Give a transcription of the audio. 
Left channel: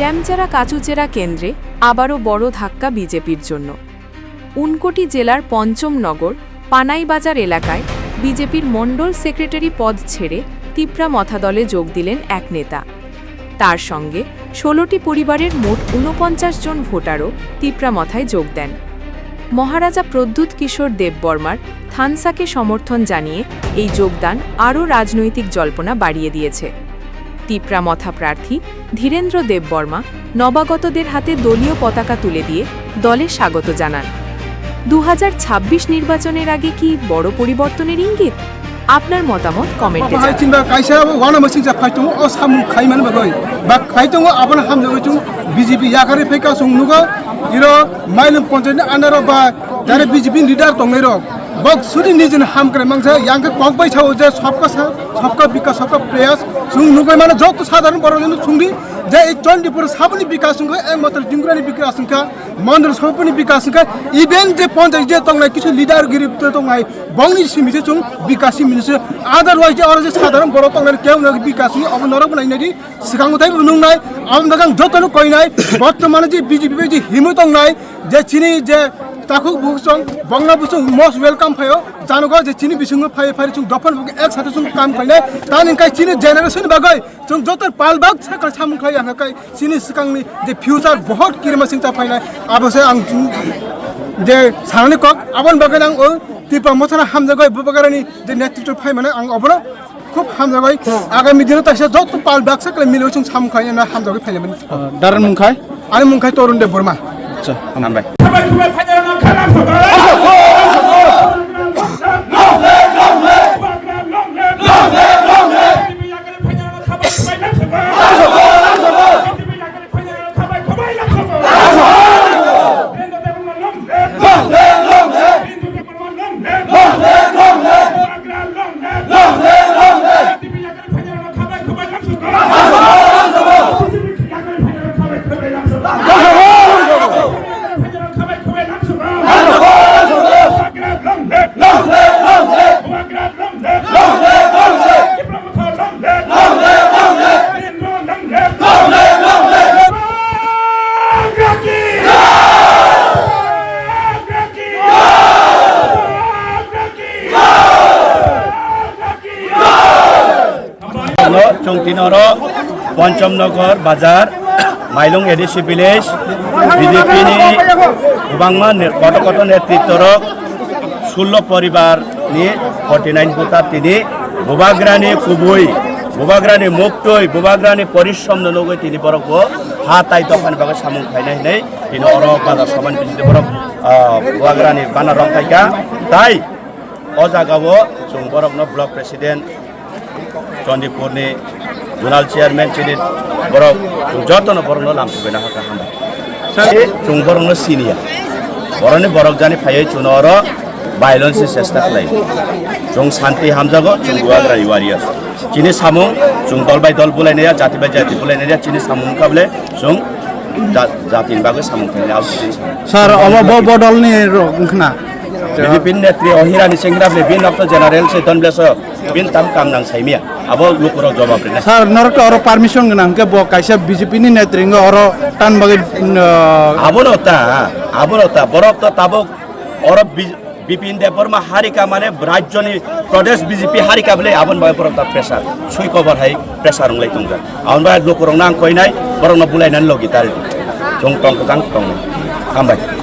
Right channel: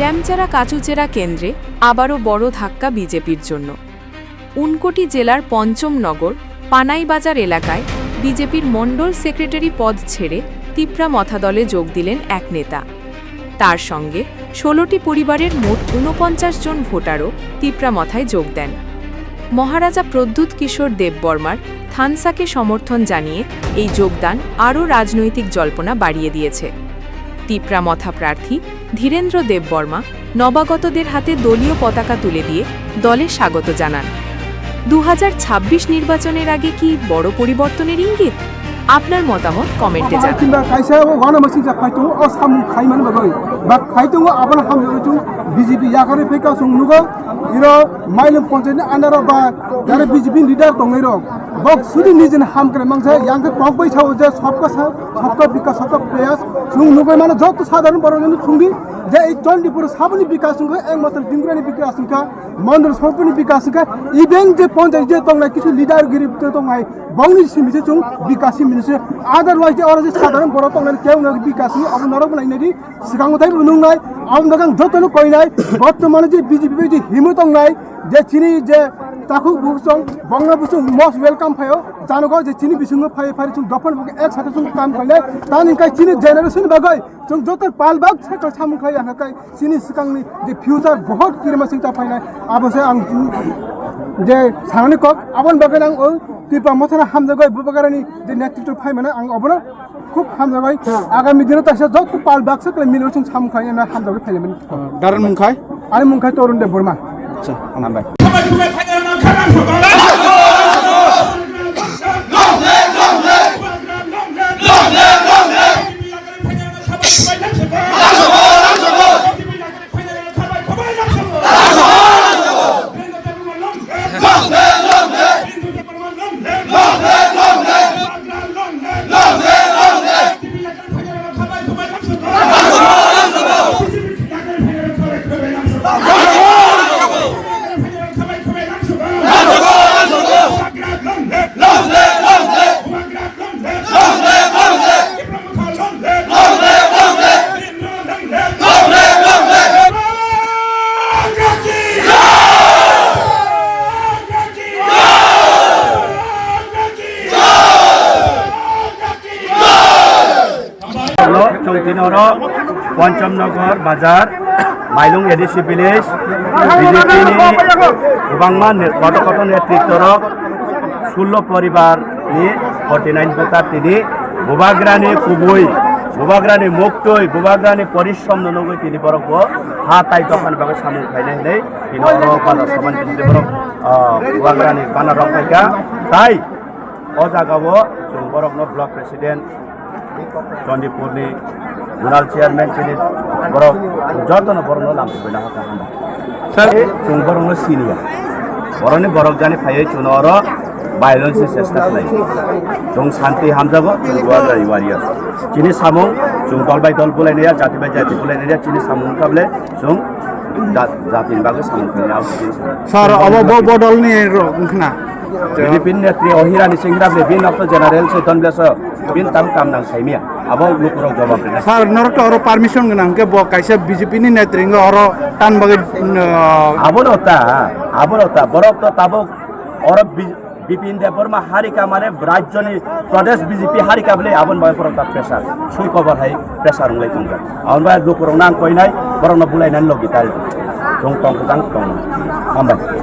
ড্যামচারা কাচুচেরা কেন্দ্রে আবারও বড় ধাক্কা বিজেপির জন্য। উনকোটি জেলার পঞ্চম নগর পানাইবাজার এলাকায় বিজেপির মণ্ডল সেক্রেটারি পদ ছেড়ে তিপ্রা মথা দলে যোগ দিলেন এক নেতা। তার সঙ্গে ১৬টি পরিবারের মোট ৪৯ জন ভোটারও তিপ্রা মথায় যোগ দেন। মহারাজা প্রদ্যুৎ কিশোর দেববর্মার থানসাকে সমর্থন জানিয়ে এই যোগদান আরও রাজনৈতিক জল্পনা বাড়িয়ে দিয়েছে। তিপ্রা মথা প্রার্থী ধীরেন্দ্র দেববর্মা নবাগতদের হাতে দলীয় পতাকা তুলে দিয়ে দলে স্বাগত জানান। ২০২৬ নির্বাচনের আগে কি বড় পরিবর্তনের ইঙ্গিত? আপনার মতামত কমেন্টে জানান। बग सुधी निजन हाम करे मांगसे यांग के पग बै छौ जे सबका विकास सबका प्रयास सुंग नुगै माने जत साधारण बरजन सुंगी जे 24 साबनि विकास सुंग एक मात्र जिंग्रानि विकास सुंग मन्दिर सबनि विकास सुंग इभेन जे पंचायत जे तंगनाय किछु लिडार गिरिब त तंगाय बंगनि सिमिसे सुंग विकासि मिनिसे अदरवाइज जे अर जे साधारण बर तंगनाय केउ न विकास सुंग अब नरक बनाइनादि सिगांग थाय बुनुंगनाय अब नगां जतन कइनाय बर्तमान जे बीजेपी जे हिमु तंगनाय जे चिनि जे ताकु बुसं बंगला बुसं मोस्ट वेलकम फायो जानोगा जे चिनी बिसुंग फाय फाय सुं दफन एक साथे सुं काम खायने तानि काय चिनी जेनेरेशन बागै जों जतर पालबाग छका साम खाय आं काय चिनी सिकांनि जे फ्यूचर बहुत किरमा सिंता फायनाय आबसे आं जे सानानि कक आबन बागै आं तिपा मथना हामजगै बुबगारानि जे नेतृत्व फाय माने आं अबनो खूब हामजगै आगामी दिनाव तासे जत पालबाग छका मिलो सुं साम खाय ना हामजगै फायले दारन मुंखाय आरो मुंखाय तरुण देव बर्मा अच्छा नामबाय चौकीनर पंचमनगर बाजार माइलुंग एडिसी विलेज बीजेपी गत नेतृत्वर 16 परिवार 49 भोटार तीन बुबाग्रानी खुबई बुबाग्रानी मुक्तई बुबाग्रानी परिश्रम नगै तीन बरक हा ताई दखान बाग सामुं खायनाय तीन बाजार समान बिजली बरक बुबाग्रानी बाना रंखायगा ताई अजागाव जों बरकनो ब्लक प्रेसिडेंट चंदीपुरनि जोनाल चेयरमैन चिनि बरक जतन बरनो लामफैना हाका हामबा जों बरनो सिनिया बरनि बरक जानि फायै चुनर बायलेंस चेष्टा खालाय जों शांति हामजागो जों गुवाग्रा वारियार चिनि सामुं जों दल बाय दल बुलायनाया जाति बाय जाति बुलायनाया चिनि सामुं काबले जों जातिनि बागै सामुं खालाय सर अब बदलनि रंखना बीजेपी नेत्री अहिरानी सेंग्राबले बिन अफ जेनारेल चेतन ब्लेस बिन ताम कामनां साइमिया अब लुकुराव जवाब देना सर नरक और परमिशन गना के ब काइसे बीजेपी नि नेत्रिंग और टान बगे आबोनता बरक तो ताबो और बिपिन देबबर्मा हारिका माने राज्यनि प्रदेश बीजेपी हारिका बले आबन बाय परता प्रेसार सुइ कवर हाय प्रेसार लय तुंग आउनबा लुकुराव नां कइनाय बरन बुलायनान लगितार जों तंग हामबाय।